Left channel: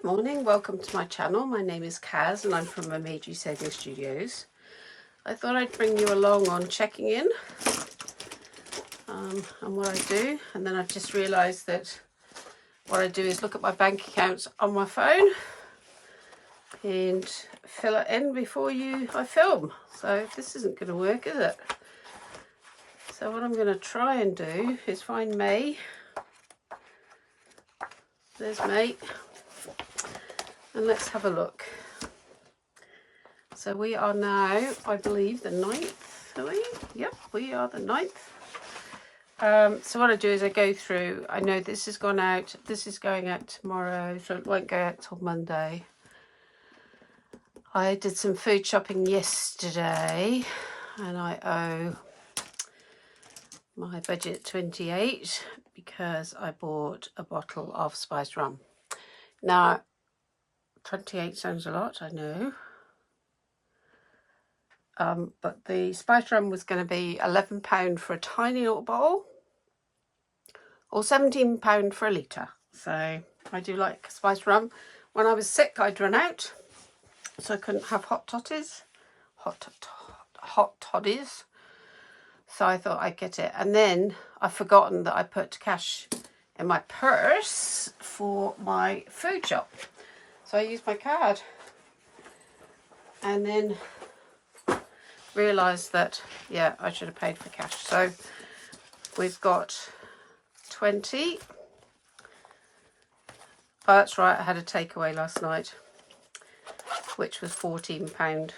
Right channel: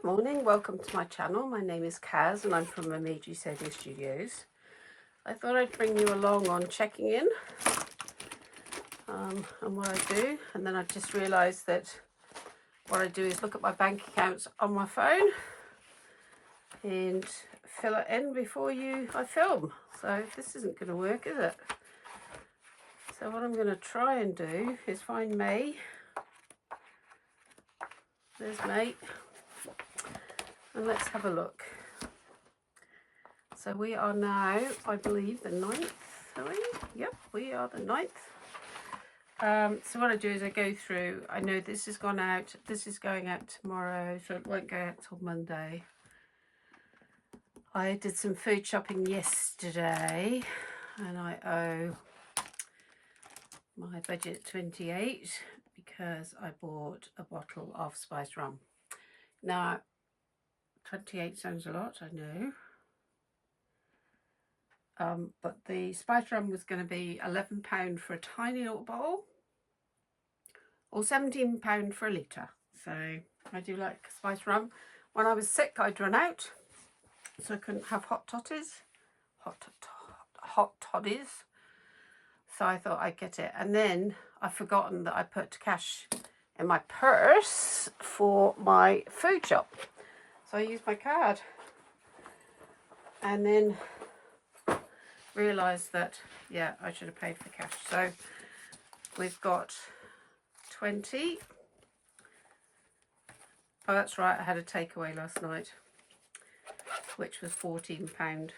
Good morning, welcome to my channel. My name is Kaz and I'm from Momiji Savings Studios. I thought I'd bring you along on checking in on what I do, and then I just realised that what I do is look at my bank accounts on my phone and fill it in before I film. So this isn't going to work, is it? So what I'm going to try and do is find May. There's May. And let's have a look. So we are now, I believe, the 9th, are we? Yep, we are the 9th. So what I do is I go through, I know this has gone out, this is going out tomorrow, so it won't go out till Monday. I did some food shopping yesterday and I owe my budget 28 because I bought a bottle of spiced rum. Now, 28 sounds a lot, I know. But the spiced rum was going to be £11 for a tiny little bottle or £17 for a litre. So I do like spiced rum. When I was sick, I'd run out, so I couldn't have hot toddies. So I thought I'd get it. And then I've forgotten that I put cash in my purse for my food shop. So I used my card. And then realised that, yeah, I should have paid for cash. So we've got 20. Oh, that's right, I had a takeaway last night, which was £14.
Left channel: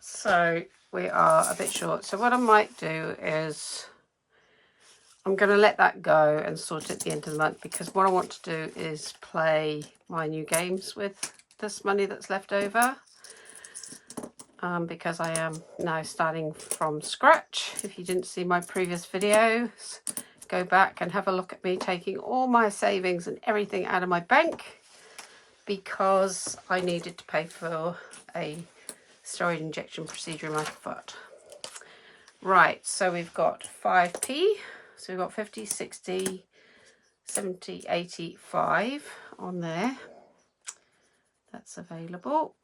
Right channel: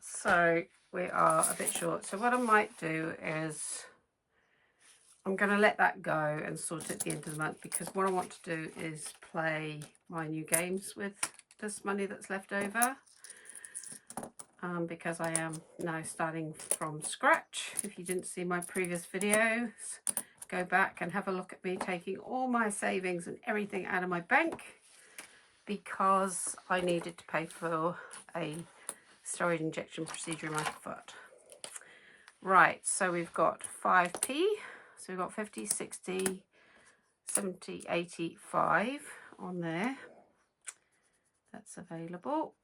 So we are a bit short. So what I might do is I'm going to let that go and sort it at the end of the month, because what I want to do is play my new games with this money that's left over, because I am now starting from scratch. If you didn't see my previous videos, go back and have a look at me taking all my savings and everything out of my bank, because I needed to pay for a steroid injection procedure in my foot. Right, so we've got 5p, so we've got 50, 60, 70, 85 on there. That's available.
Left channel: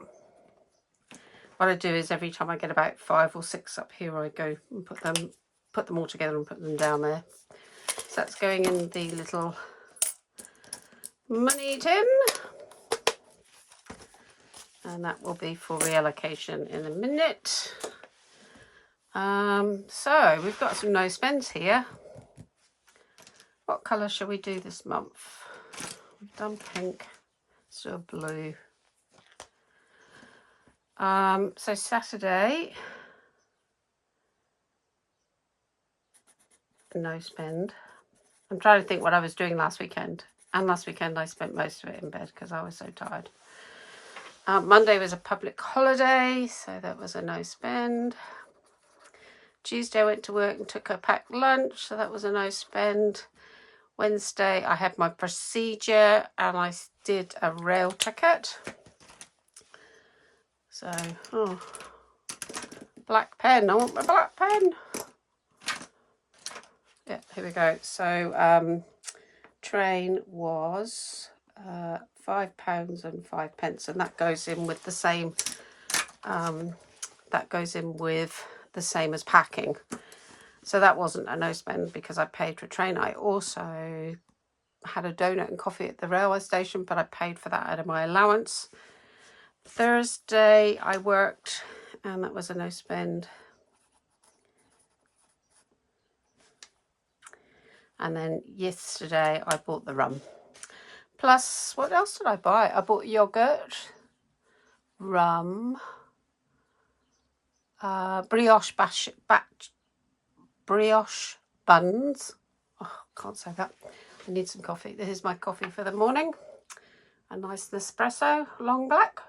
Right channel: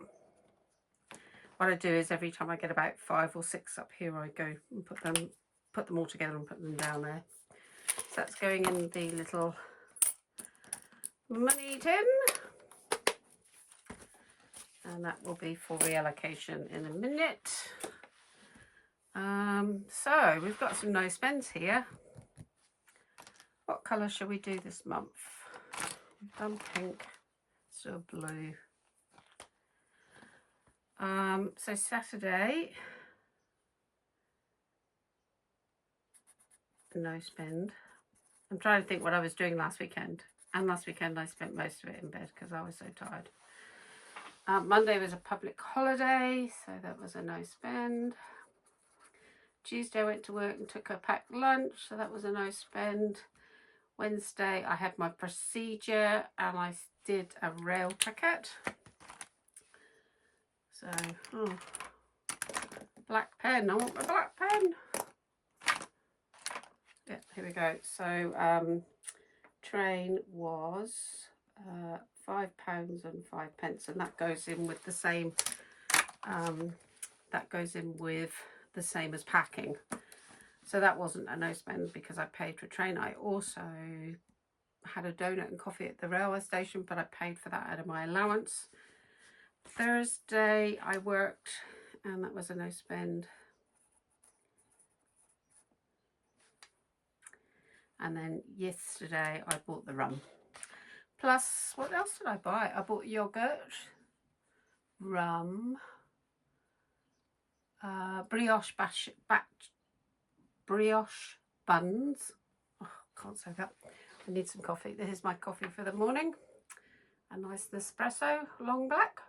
What I do is every time I get about 5 or 6 up here, I go and put them all together and put them down there. So that's going in the little money tin, and that will be for reallocation in a minute. So we've got some no spends here. What colour shall we do this month? We've done pink, so blue. So Saturday, no spend. I'm trying to think what I was doing last weekend. And last weekend I spent most of it in bed because I was so tired. Monday was a public holiday, so that was a no spend. Tuesday I went to work and took a packed lunch, so that was a no spend. Wednesday I had my procedure and I did a rail ticket. So, oh, black pen. I want my black pen. Yeah, here we go. So, train was £5 and 5 pence, and that goes in with the same. That goes in with the same as packing. So that wasn't a no spend because I paid for a train. I also had a donut and coffee at the railway station, but I paid for that out of my allowance. Thursday I worked and that was a no spend. And then yesterday I bought the rum. Plus, what else did I buy? I bought yogurt, rum, brioche buns. Oh, can't say that. I need some coffee. This is my coffee for the morning. A nice Nespresso, long black,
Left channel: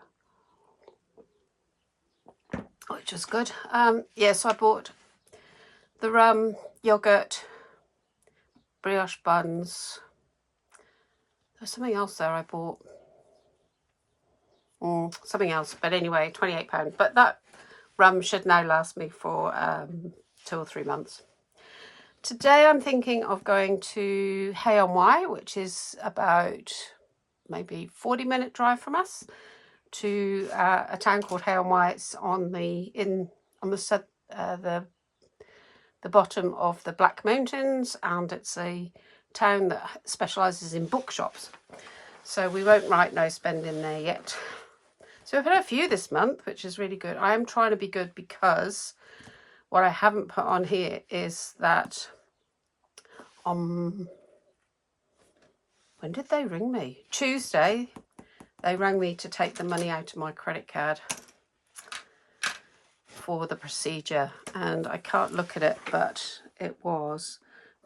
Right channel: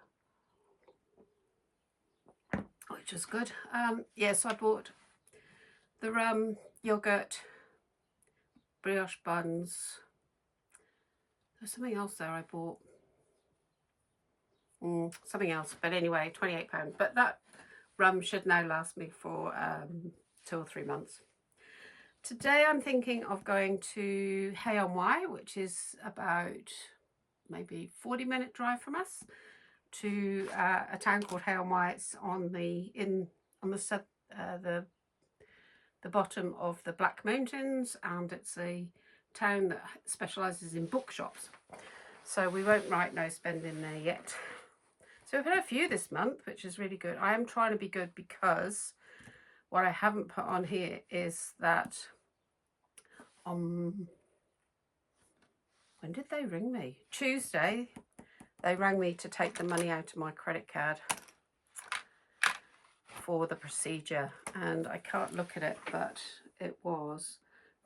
which is good. Yeah, so I bought the rum, yogurt, brioche buns. There's something else there I bought. Something else, but anyway, £28. But that rum should now last me for 2 or 3 months. Today I'm thinking of going to Hay-on-Wye, which is about maybe 40-minute drive from us, to a town called Hay-on-Wye. It's on the bottom of the Black Mountains, and it's a town that specialises in bookshops. So we won't write no spend in there yet. So we've had a few this month, which is really good. I am trying to be good because what I haven't put on here is that when did they ring me? Tuesday, they rang me to take the money out of my credit card for the procedure, and I can't look at it, but it was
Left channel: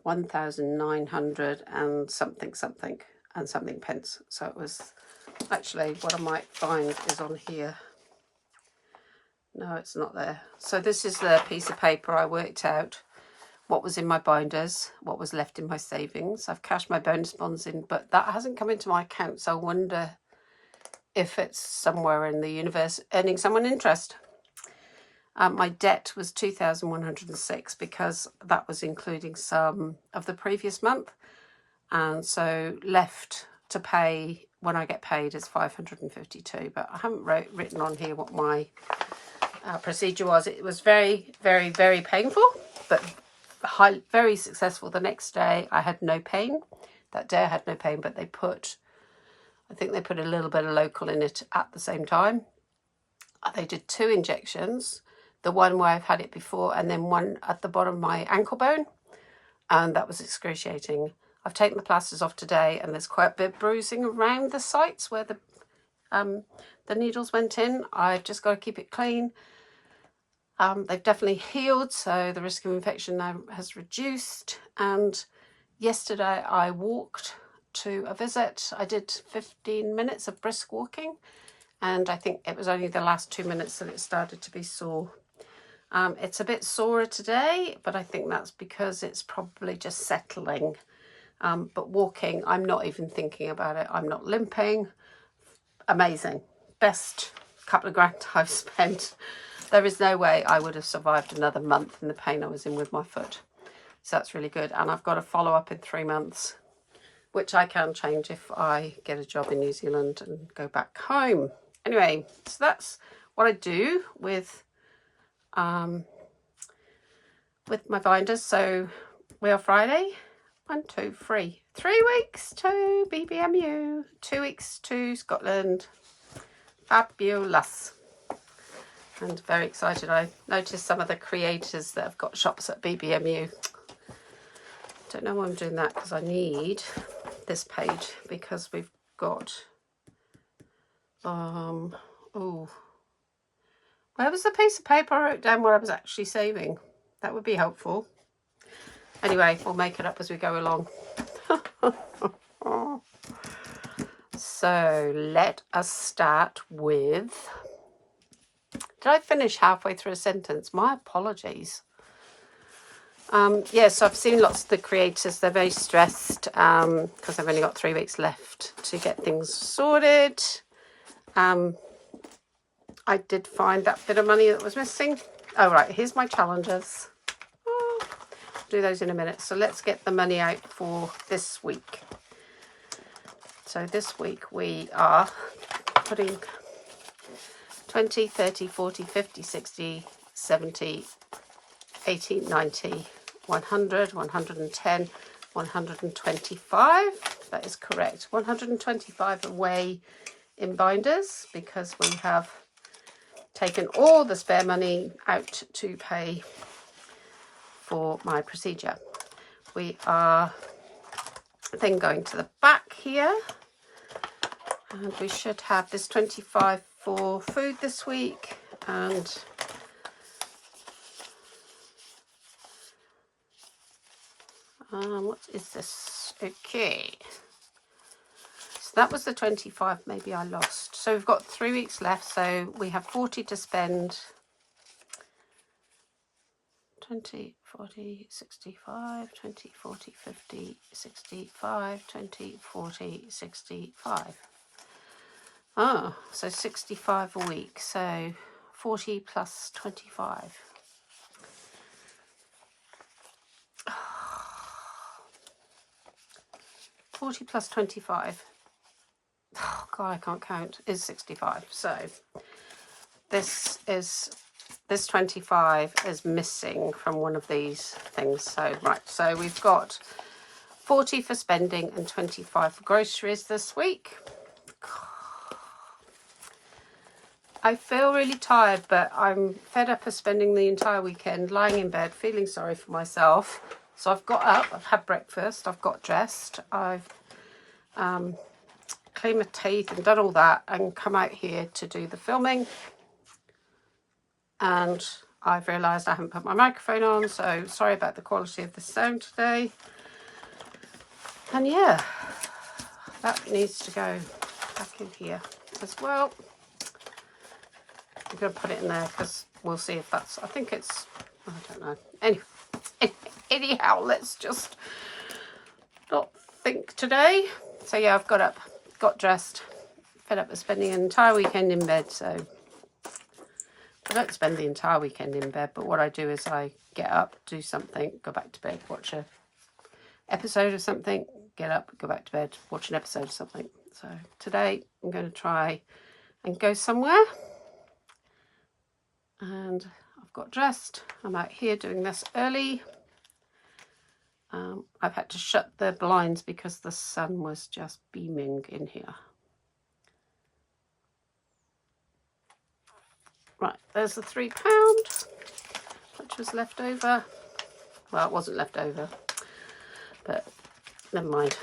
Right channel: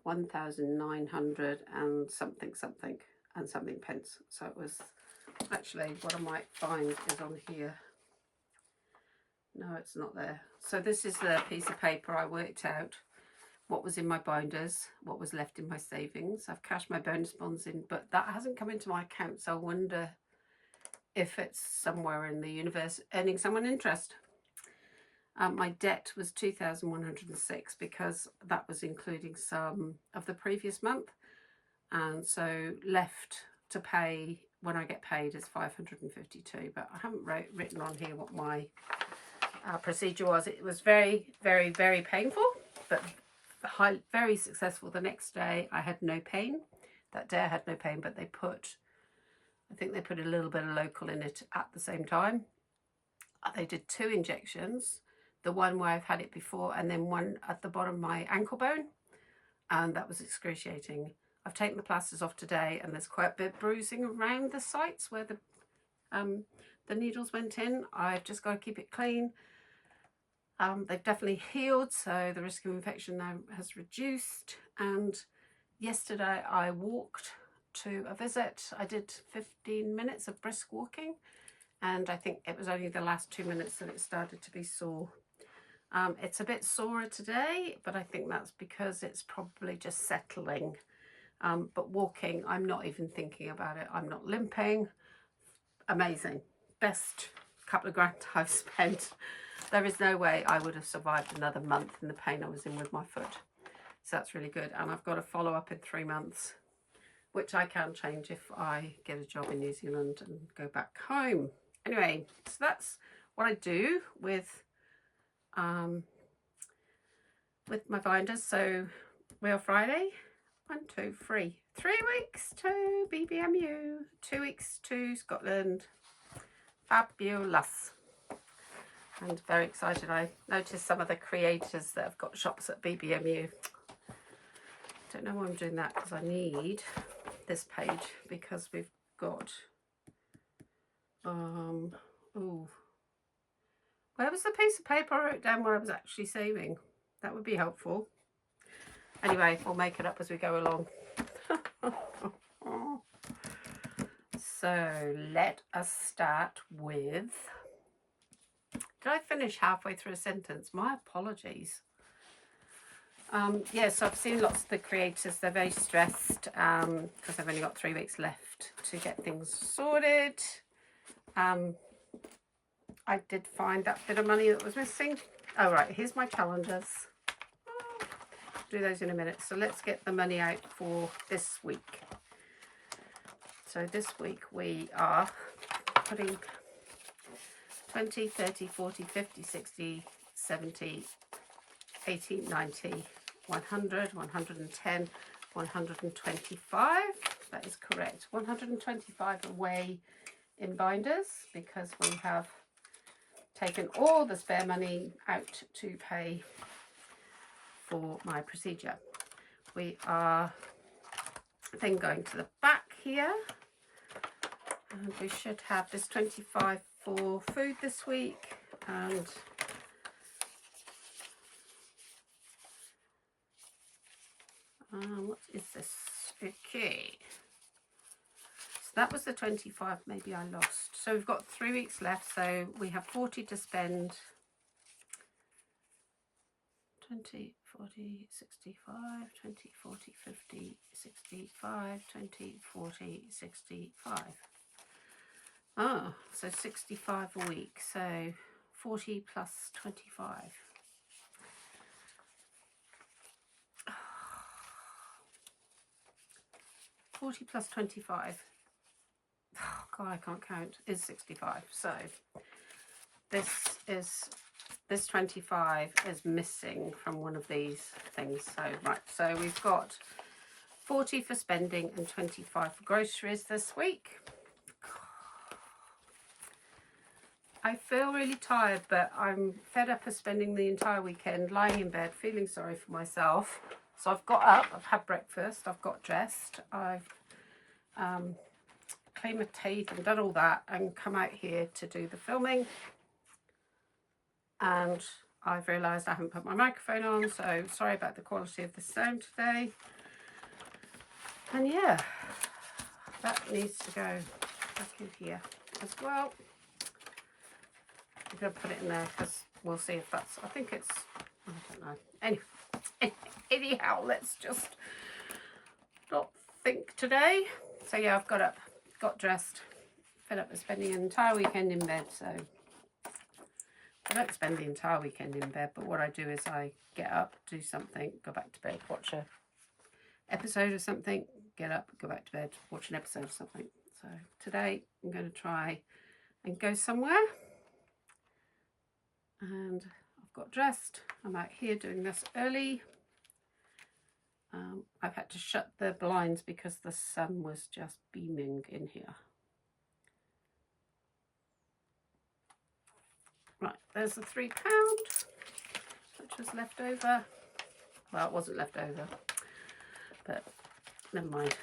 1,900 and something pence. So it was actually, what I might find is on here. No, it's not there. So this is the piece of paper I worked out what was in my binders, what was left in my savings. I've cashed my bonus bonds in, but that hasn't come into my account, so I wonder if it's somewhere in the universe earning someone interest. My debt was 2,106 because that was including some of the previous month, and so left to pay when I get paid is 552, but I haven't written on here what my procedure was. It was very, very, very painful, but very successful. The next day I had no pain. That day I had no pain, but I think they put a little bit of local in it at the same time. They did 2 injections, the one where I've had it before, and then one at the bottom of my ankle bone, and that was excruciating. I've taken the plasters off today, and there's quite a bit of bruising around the sites where the needles went in. I've just got to keep it clean. They've definitely healed, so the risk of infection now has reduced. And yesterday I walked to a visit. I did 15 minutes of brisk walking, and I think it was only the last 2 minutes that it started to be sore. It's a bit sorer today, but I think that's because it's probably just settling. But walking, I'm not even thinking about it. I'm not limping. Amazing. Best couple of grand I've spent. There is no way I would have survived another month in the pain I was in with my foot. So that's really good. And I've got a follow-up in 3 months, which I can change if I get a job in New Zealand and go back home. Anyway, so that's what I do with my binders. So we are Friday. 1, 2, 3. 3 weeks to BBMU. 2 weeks to Scotland. Fabulous. And very excited. I noticed some of the creators that have got shops at BBMU. Don't know why I'm doing that, because I need this page, because we've got oh, where was the piece of paper I wrote down where I was actually saving? That would be helpful. Anyway, we'll make it up as we go along. So let us start with, did I finish halfway through a sentence? My apologies. Yes, I've seen lots of the creators. They're very stressed because I've only got 3 weeks left to get things sorted. I did find that bit of money that was missing. Oh, right, here's my challenges. I'll do those in a minute. So let's get the money out for this week. So this week we are putting 20, 30, 40, 50, 60, 70, 80, 90, 100, 110, 125. That is correct. 125 away in binders, because we have taken all the spare money out to pay for my procedure. We are then going to the back here, and we should have this 25 for food this week, and what is this? Okay, so that was the 25. Maybe I lost. So we've got 3 weeks left, so we have 40 to spend. 20, 40, 65, 20, 40, 50, 65, 20, 40, 65. Oh, so 65 a week, so 40 plus 25. 40 plus 25. Oh God, I can't count. Is 65. So this 25 is missing from one of these things. So right, so we've got 40 for spending and 25 for groceries this week. I feel really tired, but I'm fed up of spending the entire weekend lying in bed, feeling sorry for myself. So I've got up, I've had breakfast, I've got dressed, I've cleaned my teeth and done all that and come out here to do the filming. And I've realised I haven't put my microphone on, so sorry about the quality of the sound today. And yeah, that needs to go back in here as well. I'm going to put it in there because we'll see if that's, I think it's, I don't know. Anyhow, let's just not think today. So yeah, I've got up, got dressed, fed up with spending an entire weekend in bed. So I don't spend the entire weekend in bed, but what I do is I get up, do something, go back to bed, watch a episode of something, get up, go back to bed, watch an episode of something. So today I'm going to try and go somewhere. And I've got dressed. I'm out here doing this early. I've had to shut the blinds because the sun was just beaming in here. Right, there's the £3, which was left over. Well, it wasn't left over, but never mind.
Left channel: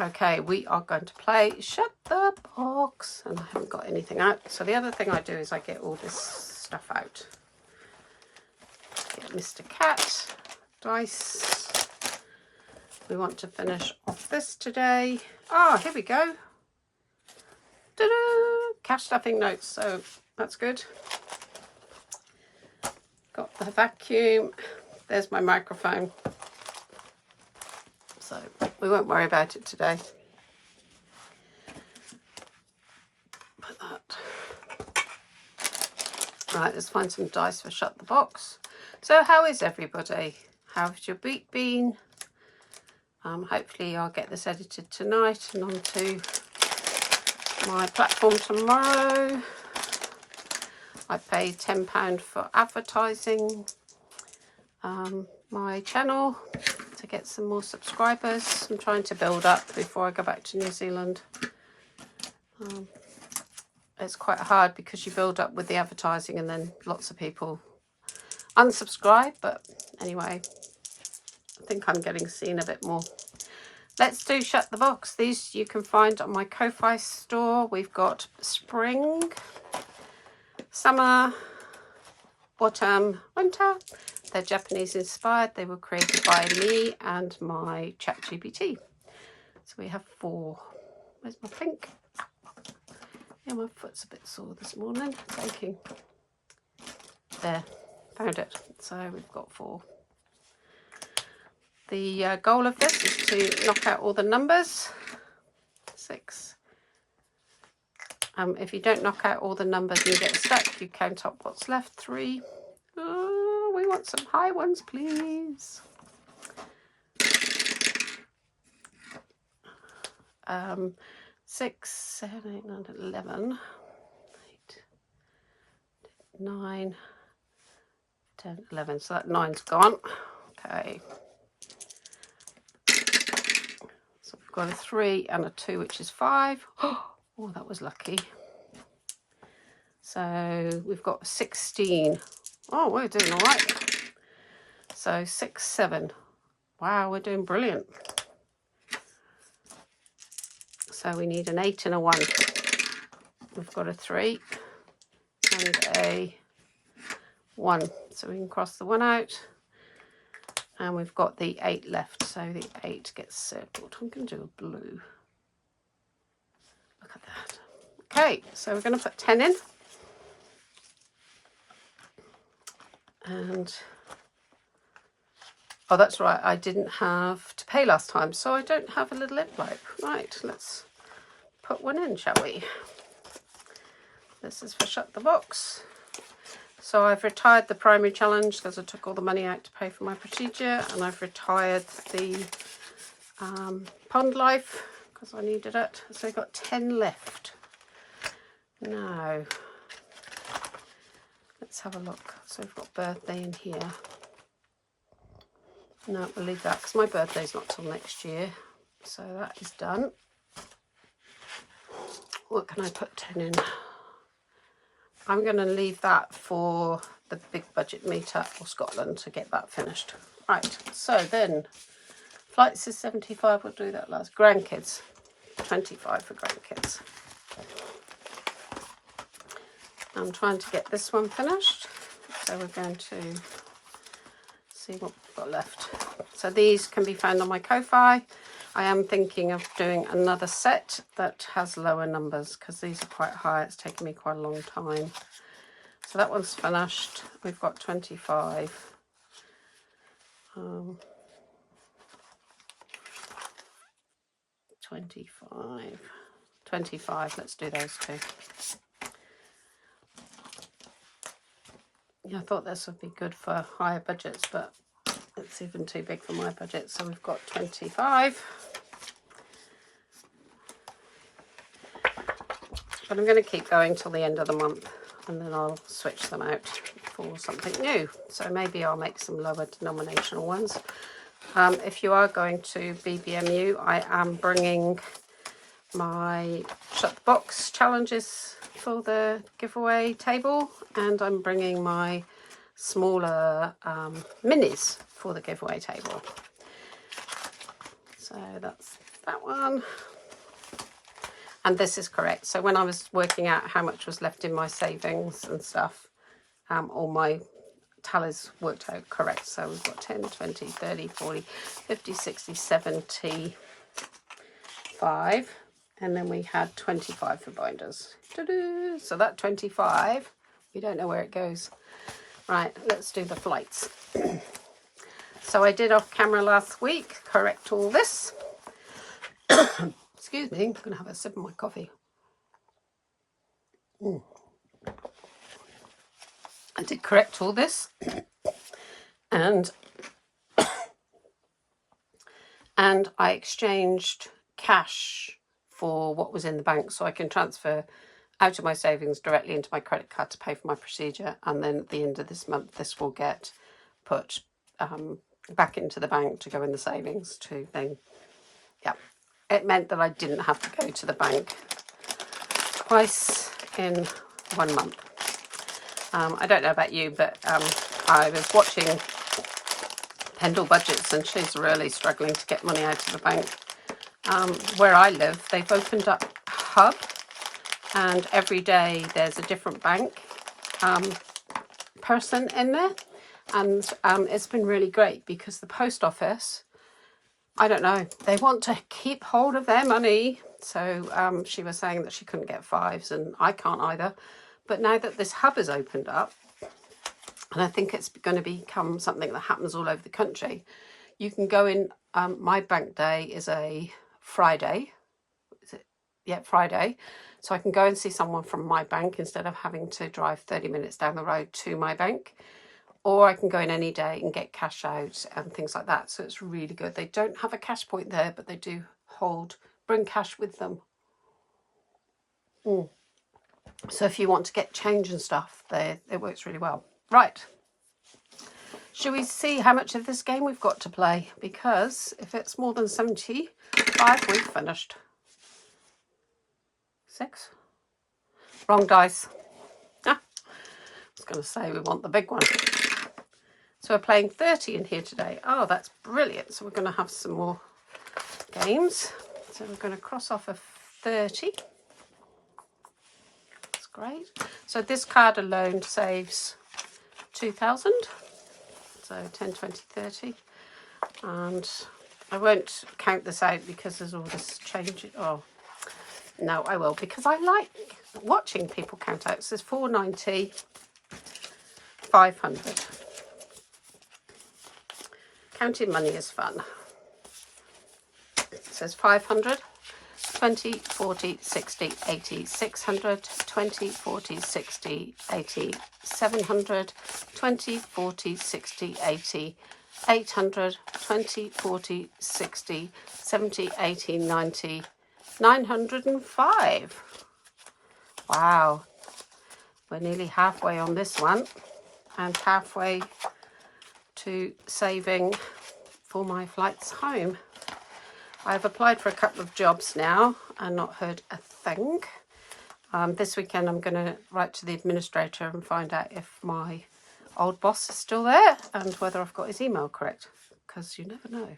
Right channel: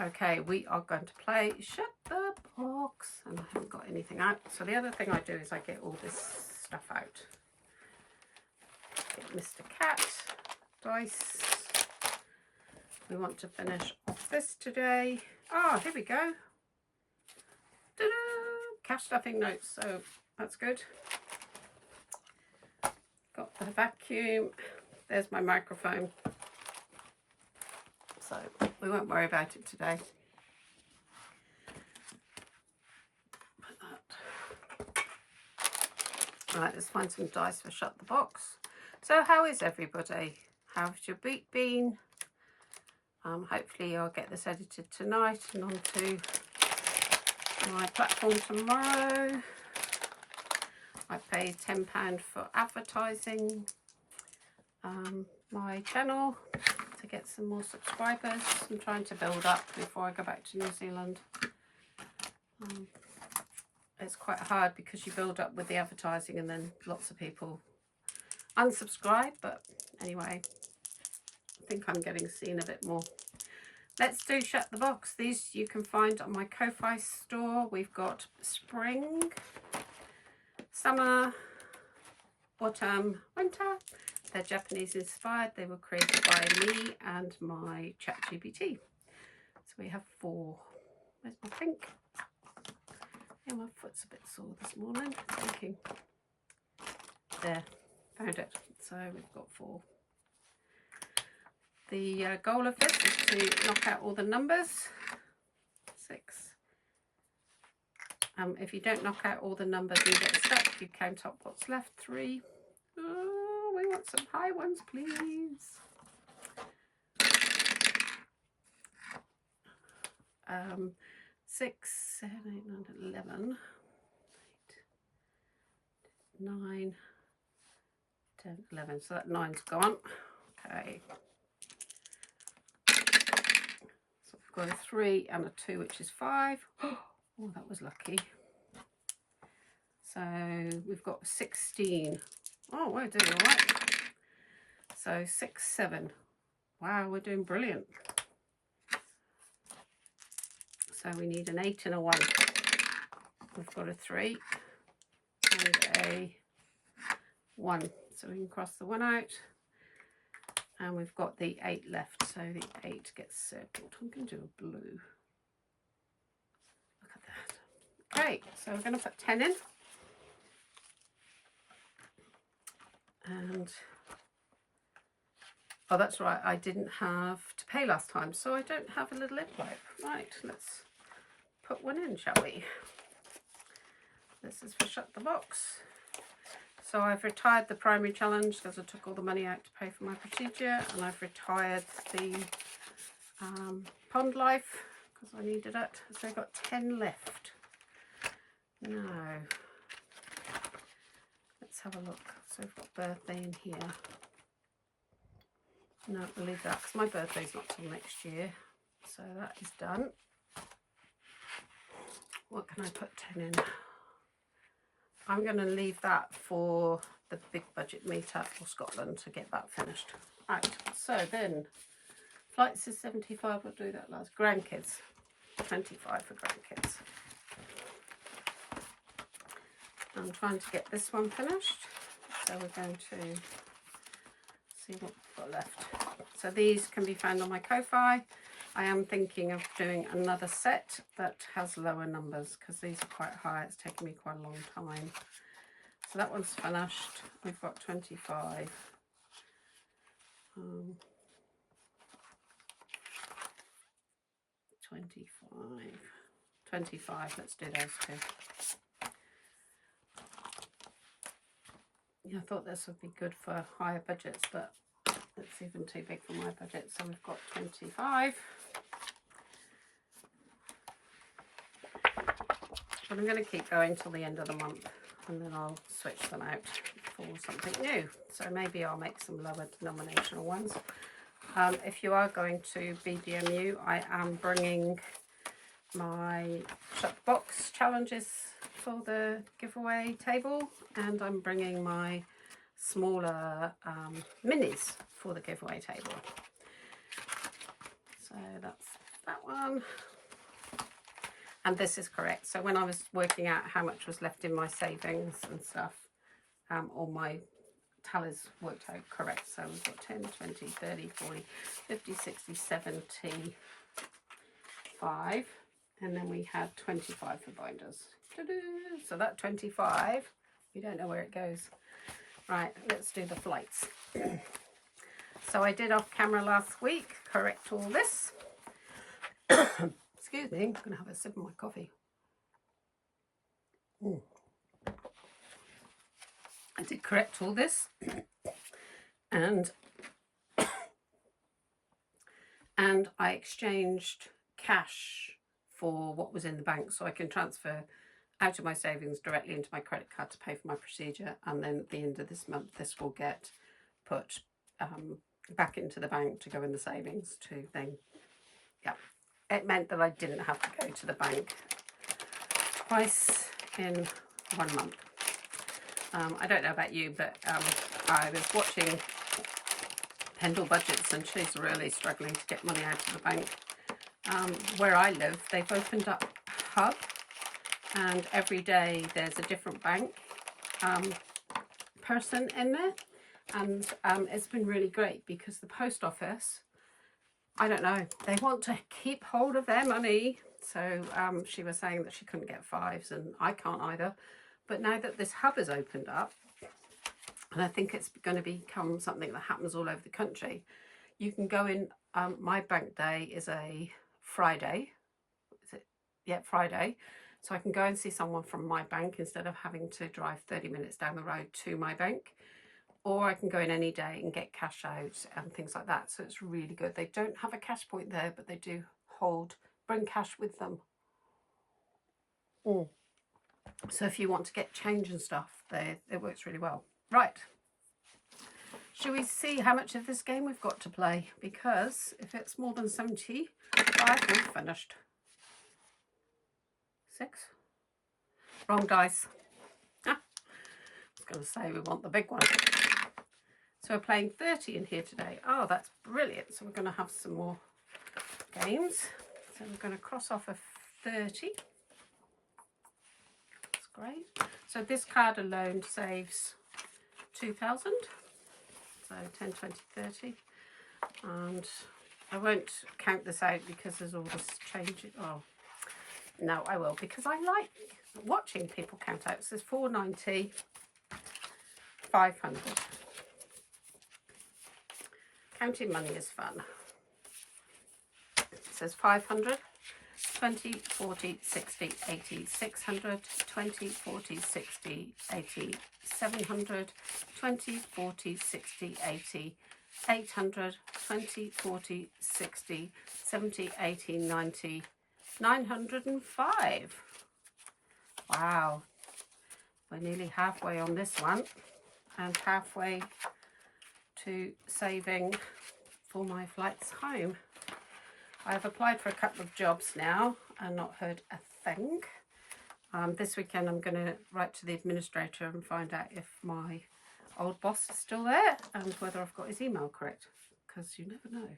Okay, we are going to play Shut the Box, and I haven't got anything out. So the other thing I do is I get all this stuff out. Get Mr. Cat, dice. We want to finish off this today. Ah, here we go. Ta-da! Cash stuffing notes, so that's good. Got the vacuum. There's my microphone. So we won't worry about it today. Put that. Right, let's find some dice for Shut the Box. So how is everybody? How's your week been? Hopefully I'll get this edited tonight and onto my platform tomorrow. I paid £10 for advertising my channel to get some more subscribers. I'm trying to build up before I go back to New Zealand. It's quite hard because you build up with the advertising and then lots of people unsubscribe, but anyway, I think I'm getting seen a bit more. Let's do Shut the Box. These you can find on my Ko-Fi store. We've got spring, summer, autumn, winter. They're Japanese inspired. They were created by me and my ChatGPT. So we have 4. Where's my pink? Yeah, my foot's a bit sore this morning. Thinking. There, found it. So we've got 4. The goal of this is to knock out all the numbers. 6. If you don't knock out all the numbers and you get stuck, you count up what's left. 3. Oh, we want some high ones, please. 6, 7, 8, 9, 11, 8, 9, 10, 11. So that 9's gone. Okay. So we've got a 3 and a 2, which is 5. Oh, that was lucky. So we've got 16. Oh, we're doing all right. So 6, 7. Wow, we're doing brilliant. So we need an 8 and a 1. We've got a 3 and a 1. So we can cross the 1 out. And we've got the 8 left. So the 8 gets circled. I'm going to do a blue. Look at that. Okay, so we're going to put 10 in. And, oh, that's right, I didn't have to pay last time, so I don't have a little envelope. Right, let's put one in, shall we? This is for Shut the Box. So I've retired the primary challenge because I took all the money out to pay for my procedure, and I've retired the Pond Life because I needed it. So I've got 10 left. Now, let's have a look. So we've got birthday in here. No, we'll leave that because my birthday's not till next year. So that is done. What can I put 10 in? I'm going to leave that for the big budget meetup for Scotland to get that finished. Right, so then flights is 75, we'll do that last. Grandkids, 25 for grandkids. I'm trying to get this one finished, so we're going to see what we've got left. So these can be found on my Ko-Fi. I am thinking of doing another set that has lower numbers because these are quite high. It's taken me quite a long time. So that one's finished. We've got 25. 25. Let's do those two. Yeah, I thought this would be good for higher budgets, but it's even too big for my budget. So we've got 25. But I'm going to keep going till the end of the month, and then I'll switch them out for something new. So maybe I'll make some lower denominational ones. If you are going to BBMU, I am bringing my Shut the Box challenges for the giveaway table, and I'm bringing my smaller minis for the giveaway table. So that's that one. And this is correct. So when I was working out how much was left in my savings and stuff, all my tallies worked out correct. So we've got 10, 20, 30, 40, 50, 60, 75. And then we had 25 for binders. So that 25, we don't know where it goes. Right, let's do the flights. So I did off camera last week, correct all this. Excuse me, I'm going to have a sip of my coffee. I did correct all this. And I exchanged cash for what was in the bank, so I can transfer out of my savings directly into my credit card to pay for my procedure, and then at the end of this month this will get put back into the bank to go in the savings to then, yeah, it meant that I didn't have to go to the bank twice in 1 month. I don't know about you, but I was watching Pendle Budgets, and she's really struggling to get money out of the bank. Where I live, they've opened up a hub, and every day there's a different bank person in there, and it's been really great because the post office, I don't know, they want to keep hold of their money. So she was saying that she couldn't get fives, and I can't either. But now that this hub is opened up, and I think it's going to become something that happens all over the country, you can go in. My bank day is a Friday. Is it? Yeah, Friday. So I can go and see someone from my bank instead of having to drive 30 minutes down the road to my bank. Or I can go in any day and get cash out and things like that. So it's really good. They don't have a cash point there, but they do bring cash with them. So if you want to get change and stuff, it works really well. Right. Should we see how much of this game we've got to play? Because if it's more than 75, we've finished. 6. Wrong dice. I was going to say we want the big one. So we're playing 30 in here today. Oh, that's brilliant. So we're going to have some more games. So we're going to cross off a 30. That's great. So this card alone saves 2,000. So 10, 20, 30. And I won't count this out because there's all this change. Oh, no, I will, because I like watching people count out. It says 490, 500. Counting money is fun. It says 500, 20, 40, 60, 80, 600, 20, 40, 60, 80, 700, 20, 40, 60, 80, 800, 20, 40, 60, 70, 80, 90, 905. Wow, we're nearly halfway on this one and halfway to saving for my flights home. I've applied for a couple of jobs now and not heard a thing. This weekend I'm going to write to the administrator and find out if my old boss is still there and whether I've got his email correct, because you never know.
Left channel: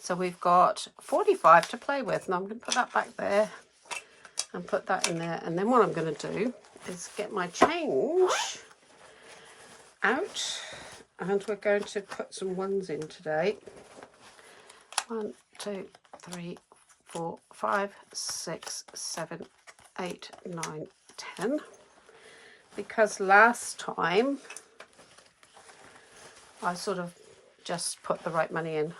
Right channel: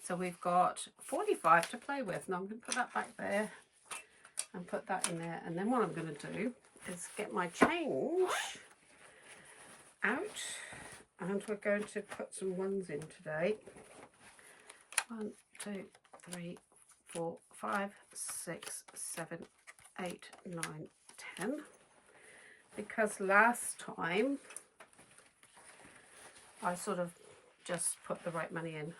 So we've got 45 to play with. Now I'm going to put that back there and put that in there. And then what I'm going to do is get my change out, and we're going to put some ones in today. 1, 2, 3, 4, 5, 6, 7, 8, 9, 10. Because last time I sort of just put the right money in.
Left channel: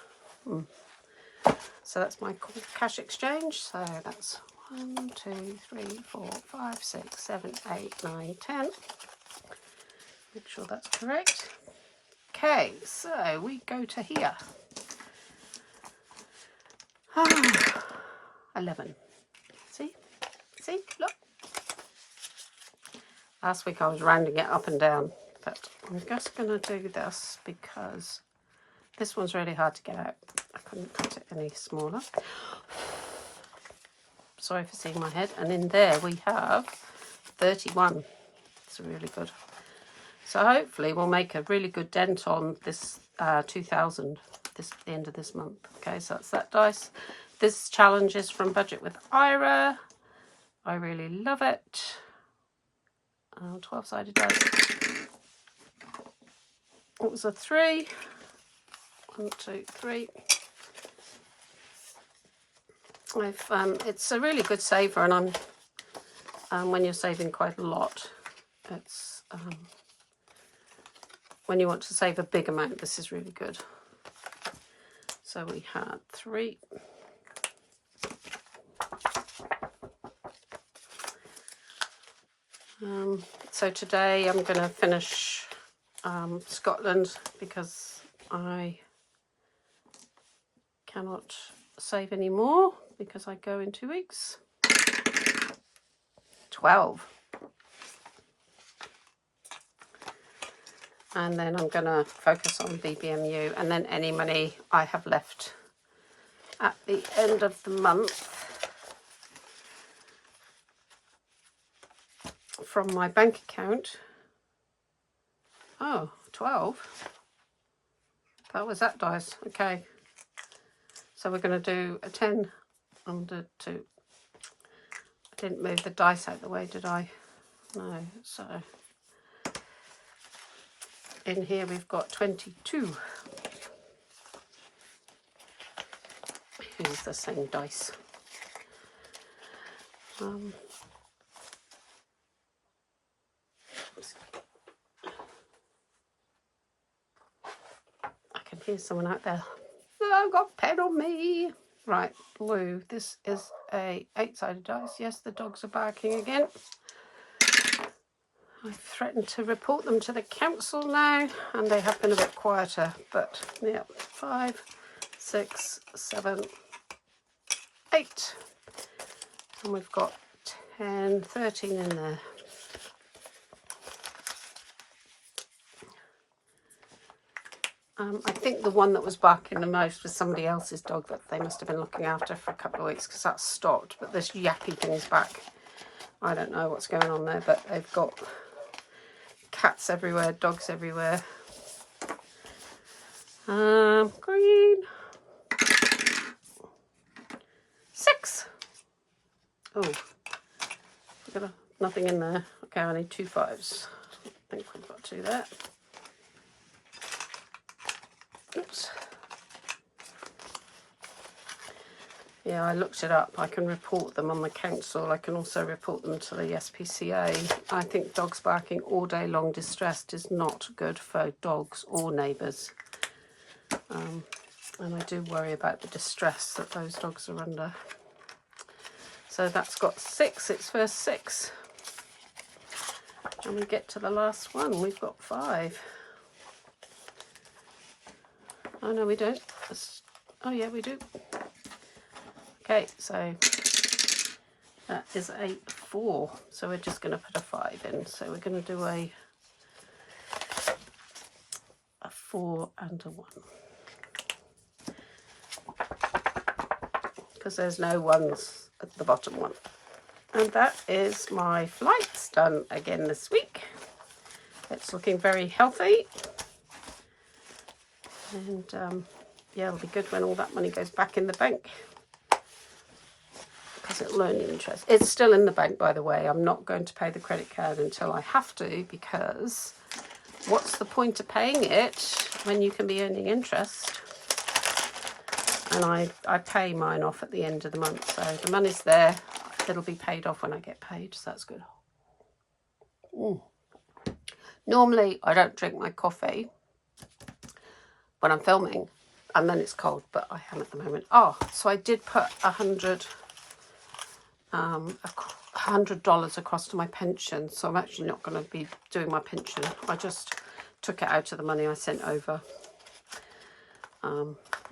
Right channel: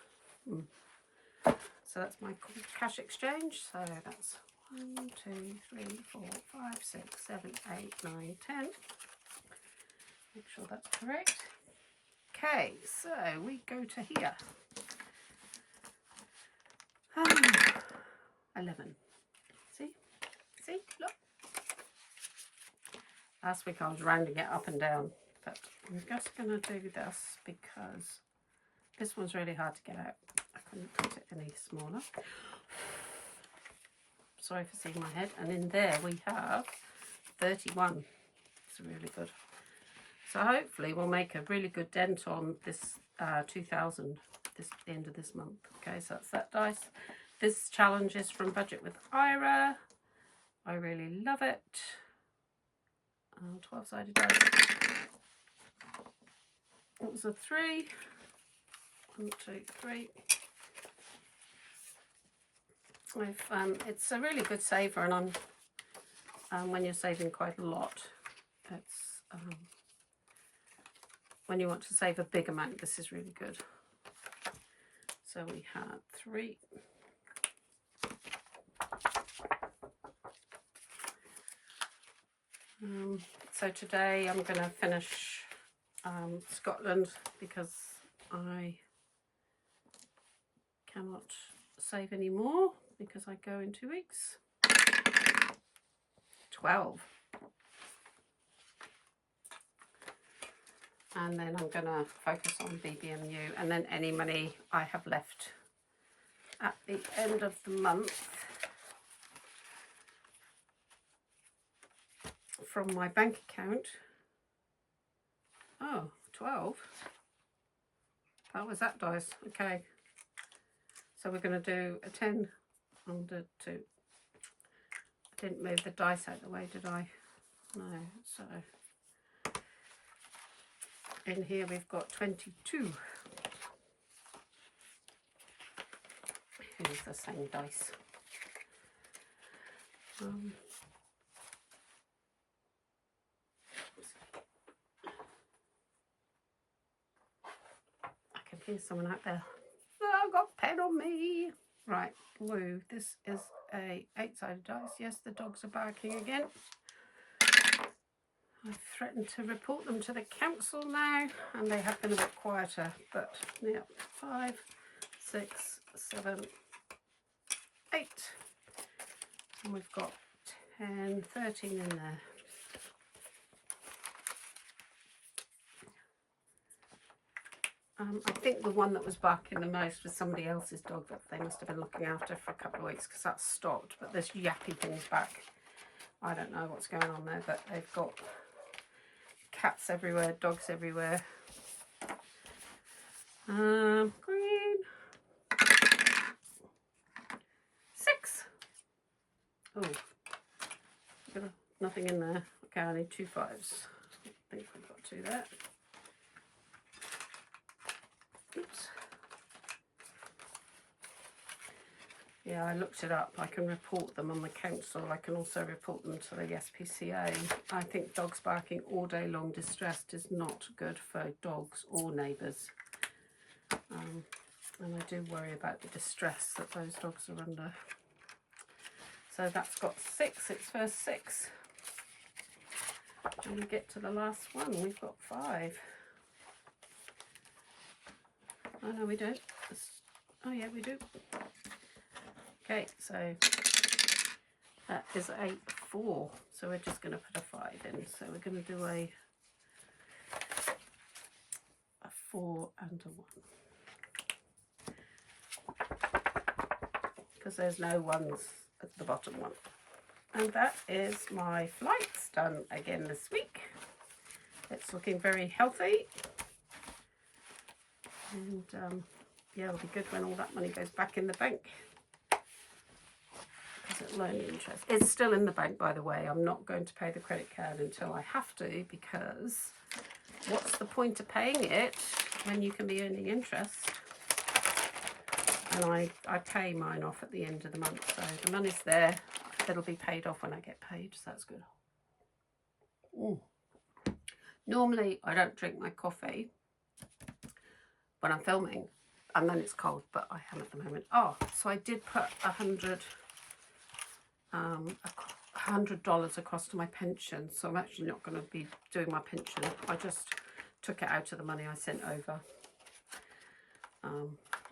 So that's my cash exchange. So that's 1, 2, 3, 4, 5, 6, 7, 8, 9, 10. Make sure that's correct. Okay, so we go to here. 11. See, look. Last week I was rounding it up and down, but I'm just going to do this because this one's really hard to get out. I couldn't cut it any smaller. Sorry for seeing my head. And in there we have 31. It's really good. So hopefully we'll make a really good dent on this 2,000 the end of this month. Okay, so that's that dice. This challenge is from Budget with Ira. I really love it. 12-sided dice. It was a 3. 1, 2, 3. It's a really good saver, and when you're saving quite a lot, it's when you want to save a big amount, this is really good. So we had 3. So today I'm going to finish Scotland because I cannot save any more because I go in 2 weeks. 12. And then I'm going to focus on BBMU, and then any money I have left at the end of the month from my bank account. Oh, 12. That was that dice. Okay. So we're going to do a 10 under 2. I didn't move the dice out the way, did I? No. So in here we've got 22. Here's the same dice. I can hear someone out there. Oh, I've got a pen on me. Right, blue. This is a 8-sided dice. Yes, the dogs are barking again. I've threatened to report them to the council now, and they have been a bit quieter, but yeah, 5, 6, 7, 8. And we've got 10, 13 in there. I think the one that was barking the most was somebody else's dog that they must have been looking after for a couple of weeks, because that's stopped, but this yappy thing's back. I don't know what's going on there, but they've got cats everywhere, dogs everywhere. Green. 6. Oh, nothing in there. Okay, I need 2 5s. I think we've got 2 there. Oops. Yeah, I looked it up. I can report them on the council. I can also report them to the SPCA. I think dogs barking all day long distressed is not good for dogs or neighbours. And I do worry about the distress that those dogs are under. So that's got 6, its first 6. And we get to the last one, we've got 5. Oh no, we don't. Oh yeah, we do. Okay, so that is a 4. So we're just going to put a 5 in. So we're going to do a 4 and a 1. Because there's no 1s at the bottom one. And that is my flights done again this week. It's looking very healthy. And yeah, it'll be good when all that money goes back in the bank. Because it'll earn interest. It's still in the bank, by the way. I'm not going to pay the credit card until I have to, because what's the point of paying it when you can be earning interest? And I pay mine off at the end of the month. So the money's there. It'll be paid off when I get paid. So that's good. Normally, I don't drink my coffee when I'm filming, and then it's cold, but I am at the moment. Oh, so I did put $100 across to my pension, so I'm actually not going to be doing my pension. I just took it out of the money I sent over.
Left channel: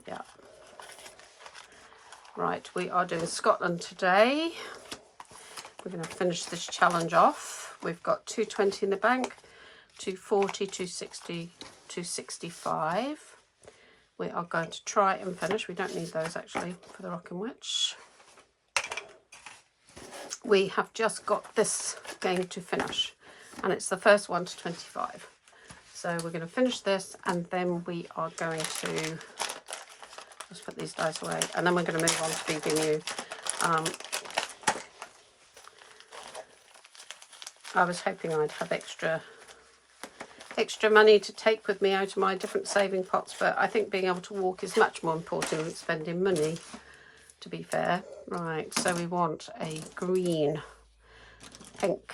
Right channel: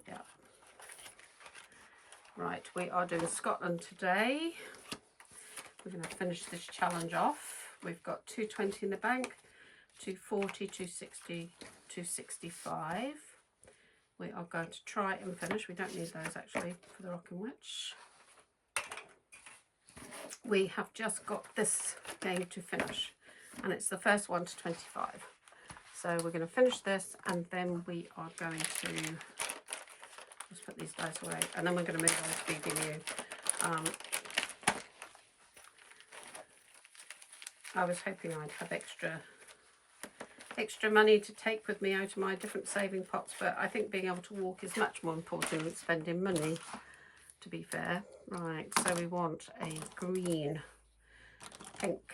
Yeah. Right, we are doing Scotland today. We're going to finish this challenge off. We've got 220 in the bank, 240, 260, 265. We are going to try and finish. We don't need those actually for the Rocking Witch. We have just got this game to finish, and it's the first one to 25. So we're going to finish this, and then we are going to just put these dice away, and then we're going to move on to BBU. I was hoping I'd have extra money to take with me out of my different saving pots, but I think being able to walk is much more important than spending money, to be fair. Right, so we want a green, pink,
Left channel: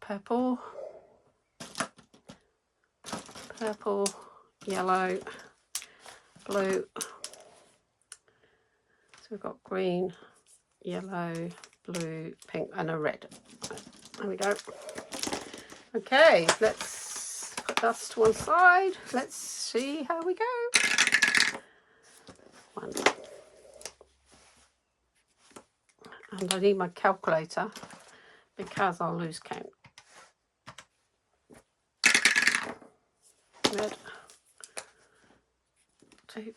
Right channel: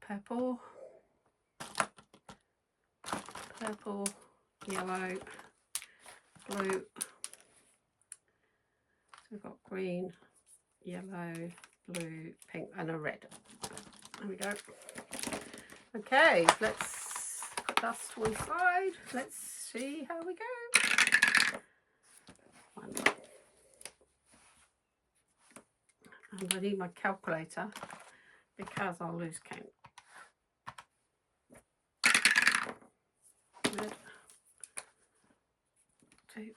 purple, yellow, blue. So we've got green, yellow, blue, pink, and a red. There we go. Okay, let's put that to one side. Let's see how we go. 1. And I need my calculator because I'll lose count. Red. 2.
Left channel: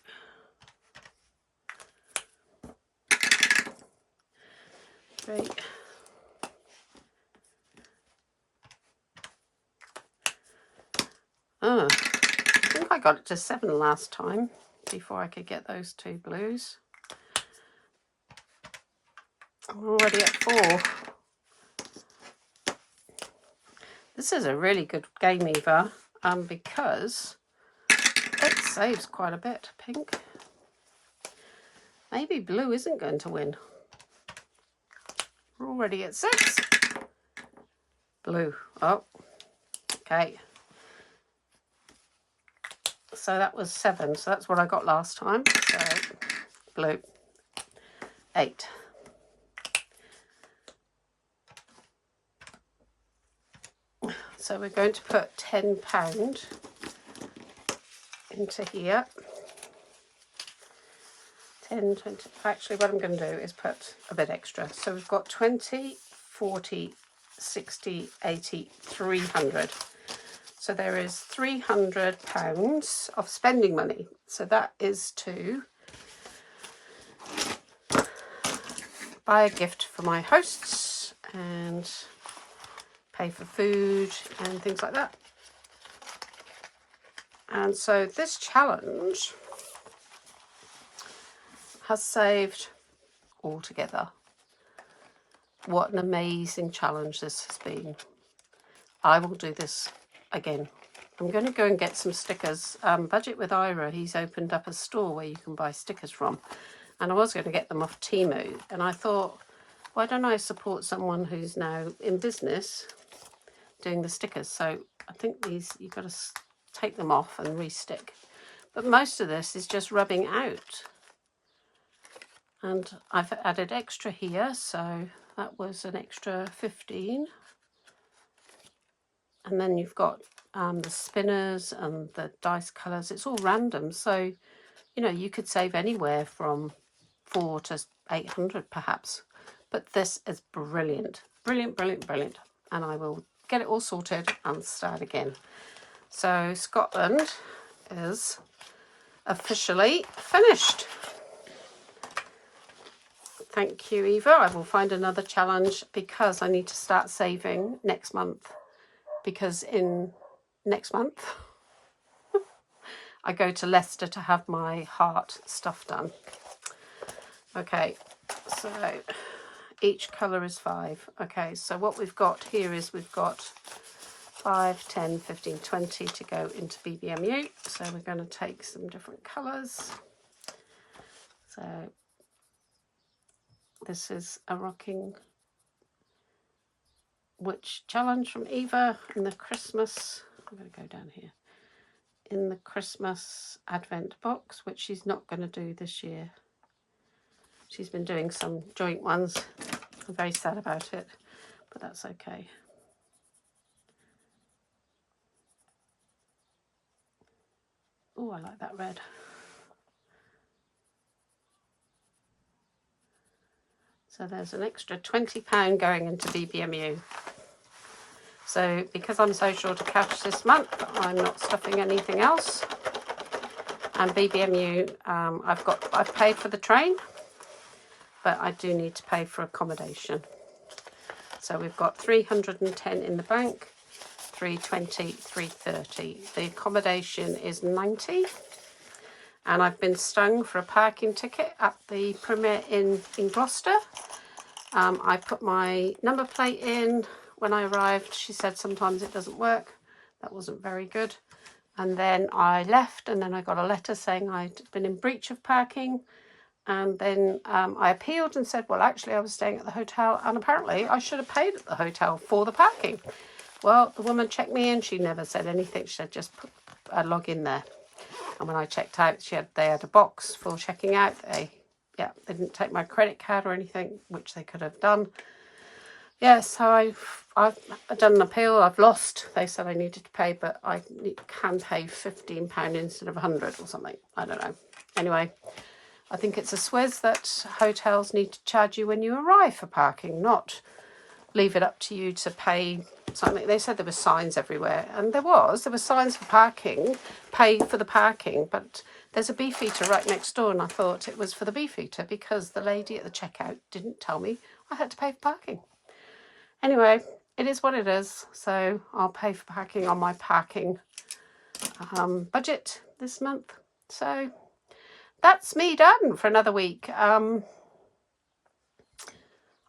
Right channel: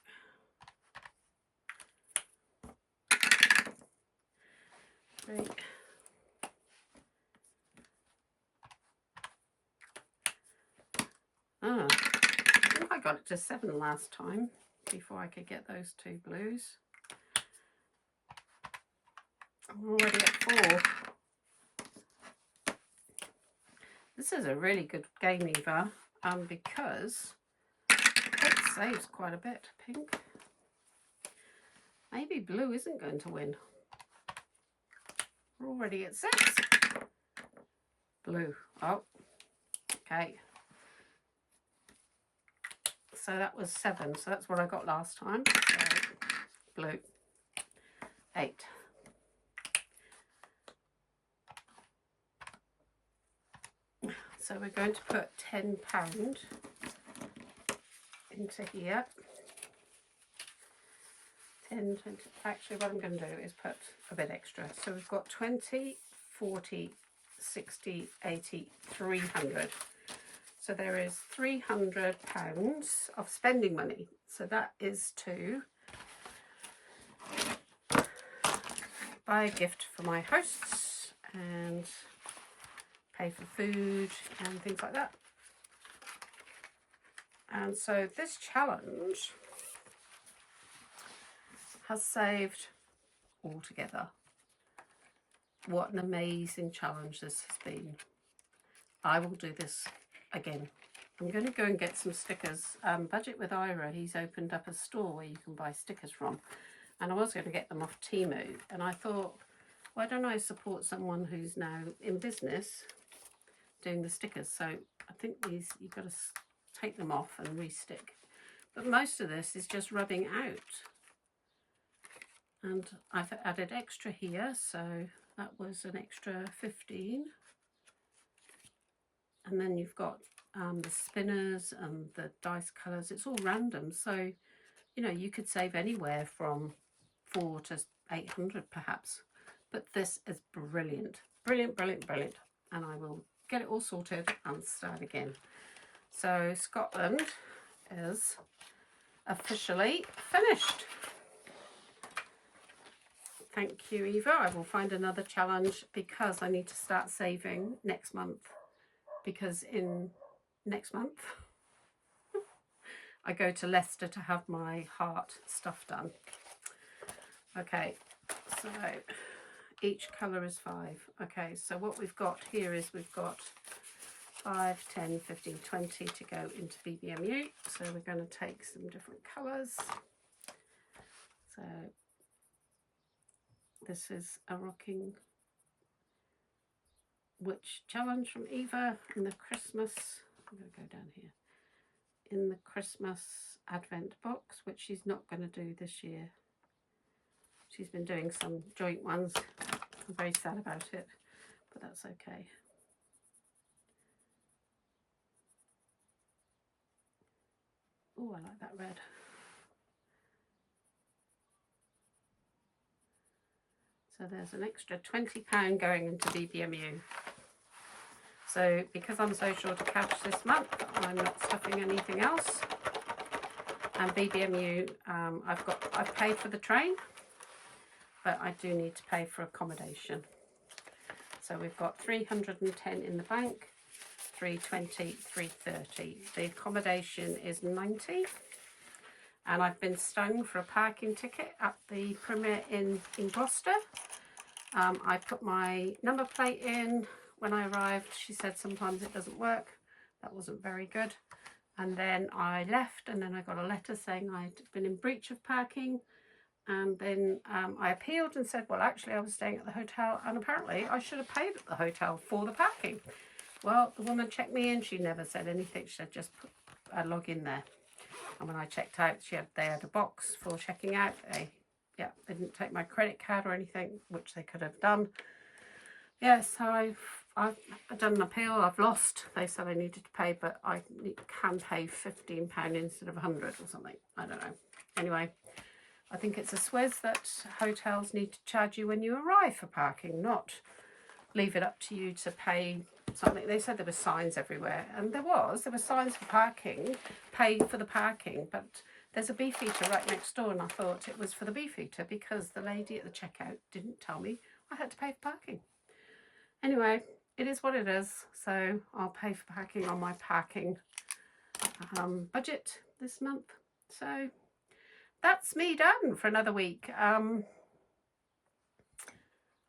3. I think I got it to 7 last time before I could get those 2 blues. I'm already at 4. This is a really good game, Eva, because it saves quite a bit. Pink. Maybe blue isn't going to win. We're already at 6. Blue. Oh, okay. So that was 7. So that's what I got last time. So blue. 8. So we're going to put £10 into here. 10, 20. Actually, what I'm going to do is put a bit extra. So we've got 20, 40, 60, 80, 300. So there is £300 of spending money. So that is to buy a gift for my hosts and pay for food and things like that. And so this challenge has saved altogether. What an amazing challenge this has been. I will do this again. I'm going to go and get some stickers. Budget with Ira, he's opened up a store where you can buy stickers from. And I was going to get them off Temu. And I thought, why don't I support someone who's now in business doing the stickers? So I think these, you've got to take them off and re-stick. But most of this is just rubbing out. And I've added extra here, so that was an extra 15. And then you've got the spinners and the dice colours. It's all random, so you know you could save anywhere from 400 to 800 perhaps. But this is brilliant, brilliant, brilliant, brilliant. And I will get it all sorted and start again. So Scotland is officially finished. Thank you, Eva. I will find another challenge because I need to start saving next month, because in next month I go to Leicester to have my heart stuff done. Okay, so each colour is 5. Okay, so what we've got here is we've got 5, 10, 15, 20 to go into BBMU. So we're going to take some different colours. So this is a Rocking Witch challenge from Eva in the Christmas. I'm going to go down here. In the Christmas Advent box, which she's not going to do this year. She's been doing some joint ones. I'm very sad about it, but that's okay. Oh, I like that red. So there's an extra £20 going into BBMU. So because I'm so short of cash this month, I'm not stuffing anything else. And BBMU, I've paid for the train, but I do need to pay for accommodation. So we've got 310 in the bank, 320, 330. The accommodation is 90. And I've been stung for a parking ticket at the Premier in Gloucester. I put my number plate in when I arrived. She said sometimes it doesn't work. That wasn't very good. And then I left, and then I got a letter saying I'd been in breach of parking. And then I appealed and said, well, actually, I was staying at the hotel, and apparently I should have paid at the hotel for the parking. Well, the woman checked me in. She never said anything. She said, just put a log in there. And when I checked out, they had a box for checking out. They didn't take my credit card or anything, which they could have done. Yeah, so I've done an appeal. I've lost. They said I needed to pay, but I can pay £15 instead of 100 or something. I don't know. Anyway, I think it's a swizz that hotels need to charge you when you arrive for parking, not leave it up to you to pay something. They said there were signs everywhere, and there were signs for parking, pay for the parking, but there's a beefeater right next door, and I thought it was for the beefeater because the lady at the checkout didn't tell me I had to pay for parking. Anyway, it is what it is, so I'll pay for parking on my parking budget this month. So that's me done for another week.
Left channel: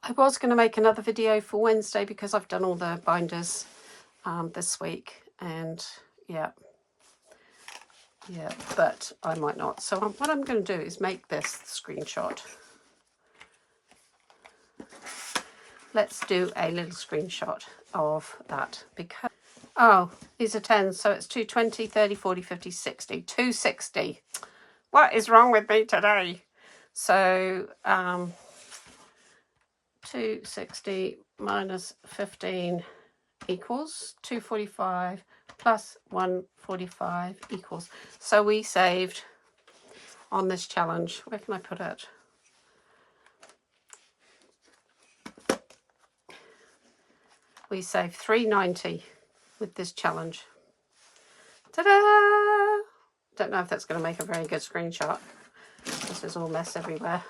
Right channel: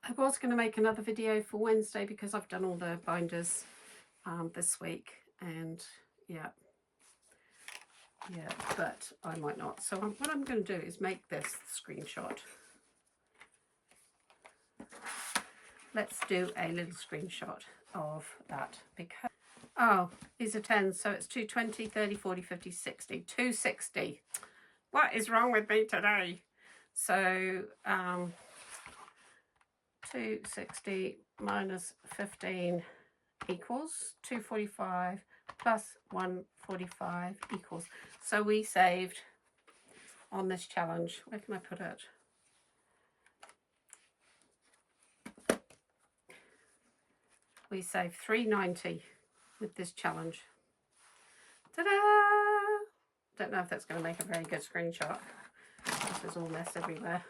I was going to make another video for Wednesday because I've done all the binders this week, and yeah, but I might not. So what I'm going to do is make this screenshot. Let's do a little screenshot of that because, oh, these are 10, so it's 2, 20, 30, 40, 50, 60, 260. What is wrong with me today? So 260 minus 15 equals 245 plus 145 equals. So we saved on this challenge. Where can I put it? We saved 390 with this challenge. Ta-da! Don't know if that's going to make a very good screenshot. This is all mess everywhere.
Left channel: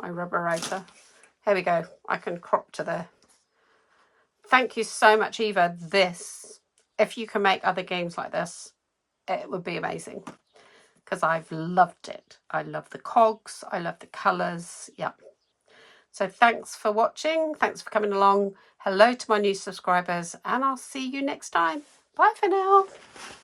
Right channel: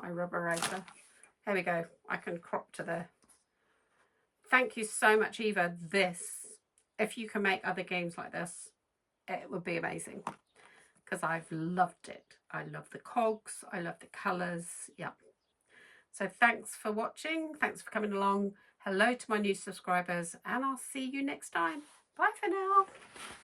My rubberator. Here we go. I can crop to there. Thank you so much, Eva. If you can make other games like this, it would be amazing. Because I've loved it. I love the cogs. I love the colours. Yeah. So thanks for watching. Thanks for coming along. Hello to my new subscribers. And I'll see you next time. Bye for now.